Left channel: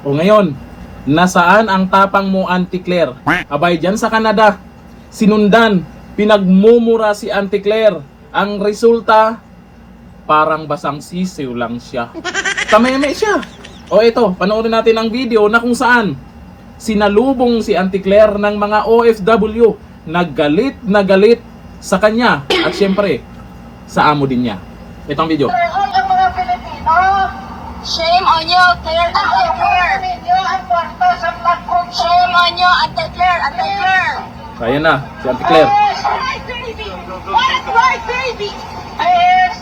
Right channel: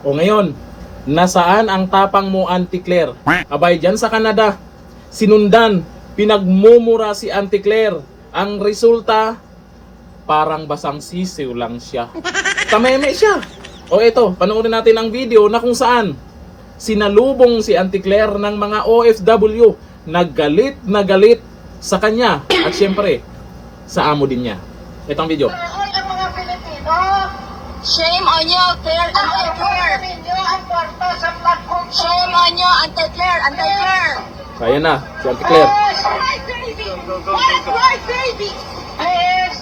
O ngayon, nasaan ang tapang mo, Auntie Claire? Abay, dyan sa Canada, sinundan, pinagmumura si Auntie Claire. Ang resulta, parang basang sisiw lang siya. Tameme siya. O ito, panoorin natin ang video na kung saan sinalubong si Auntie Claire ng mga OFW na galit sa kanya at syempre sa amo din niya. Ito ang video. All ang mga Pilipino, Shame on you, Claire, Auntie Claire. ninyo ang kwarta sa flood control. Shame on you, Auntie Claire, Auntie Claire. Kaya na, si Auntie Claire. Why baby? Please,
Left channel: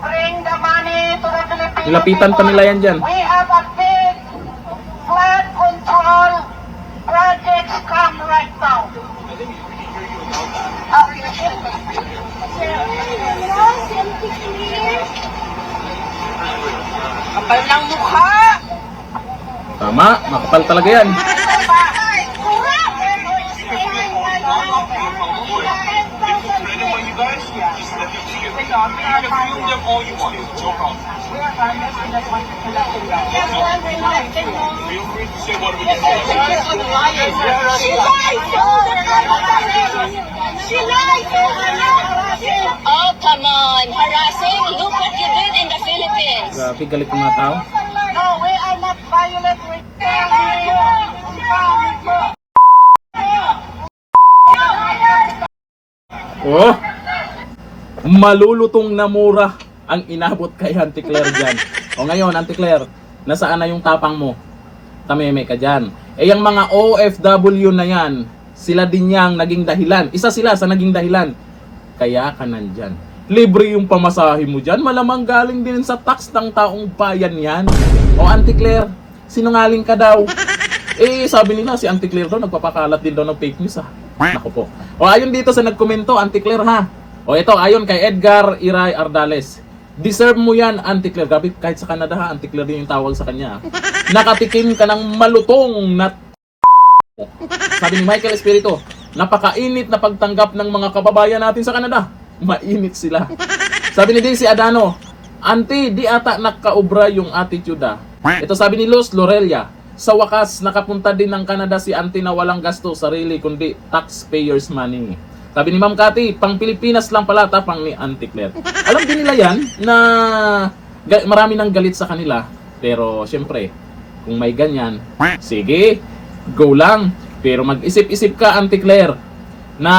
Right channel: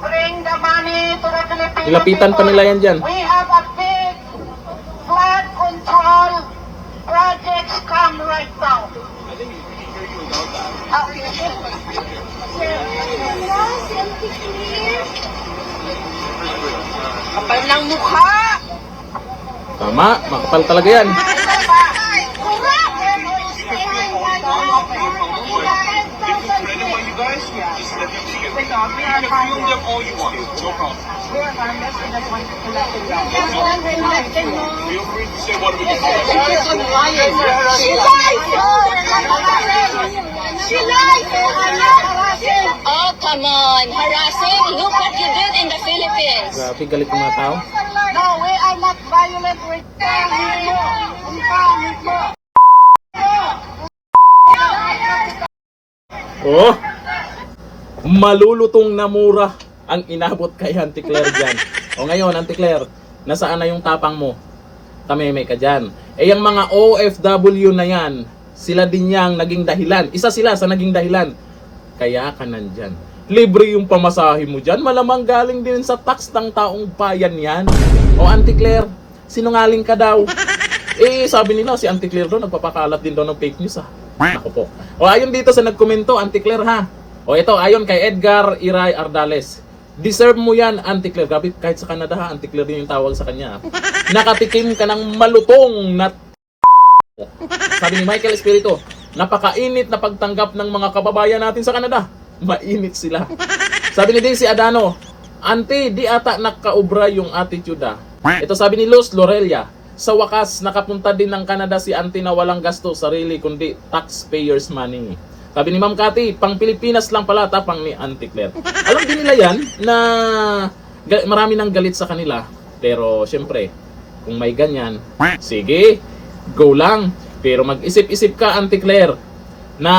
bring the money to the Philippines. Nilapitan pa nila yan dyan. We have a big flood control projects come right now. Kapal ng mukha. Tama, makapal talaga yan. Oh, come on. Harassing? Look what you did in the Philippines. Grabe, galit ng mga tao. No, we are not violent with family. Oh, malulutong na mura ang inabot kay Auntie Claire dyan. O ngayon, Auntie Claire, nasaan na yung tapang mo? Tameme ka dyan. Eh, yung mga OFW na yan, sila din yang naging dahilan. Isa sila sa naging dahilan. Kaya ka nandyan. Libre yung pamasahe mo dyan. Malamang galing din sa tax ng taong bayan yan. O Auntie Claire, sinungaling ka daw. Eh, sabi nila si Auntie Claire daw, nagpapakalat din daw ng fake news ah. Ako po. O ayon dito sa nagkomento, Auntie Claire ha. O ito, ayon kay Edgar Iray Ardales. Deserve mo yan, Auntie Claire. Grabe, kahit sa Canada ha, Auntie Claire din yung tawag sa kanya. Nakatikim ka ng malutong na sabi ni Michael Espiritu, napakainit na pagtanggap ng mga kababayan natin sa Canada. Mainit sila. Sabi ni Daisy Adano, Auntie, di ata nakaubra yung attitude ah. Ito sabi ni Luz Lorelia, sa wakas, nakapunta din ng Canada si Auntie na walang gasto sarili kundi taxpayers money. Sabi ni Ma'am Cathy, pang Pilipinas lang pala tapang ni Auntie Claire. Alam din nila yan na marami nang galit sa kanila. Pero syempre, kung may ganyan, sige, go lang. Pero mag-isip-isip ka, Auntie Claire, na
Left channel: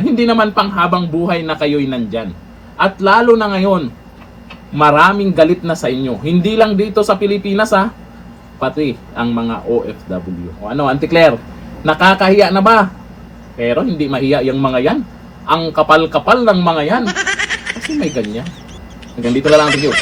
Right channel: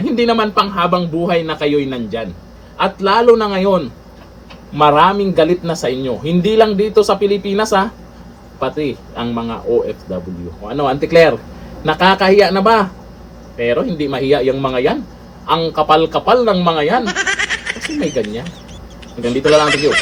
hindi naman panghabang buhay na kayo'y nandyan. At lalo na ngayon, maraming galit na sa inyo. Hindi lang dito sa Pilipinas ha, pati ang mga OFW. O ano, Auntie Claire, nakakahiya na ba? Pero hindi mahiya yung mga yan. Ang kapal-kapal ng mga yan. Kasi may ganyan. Hanggang dito na lang ang video.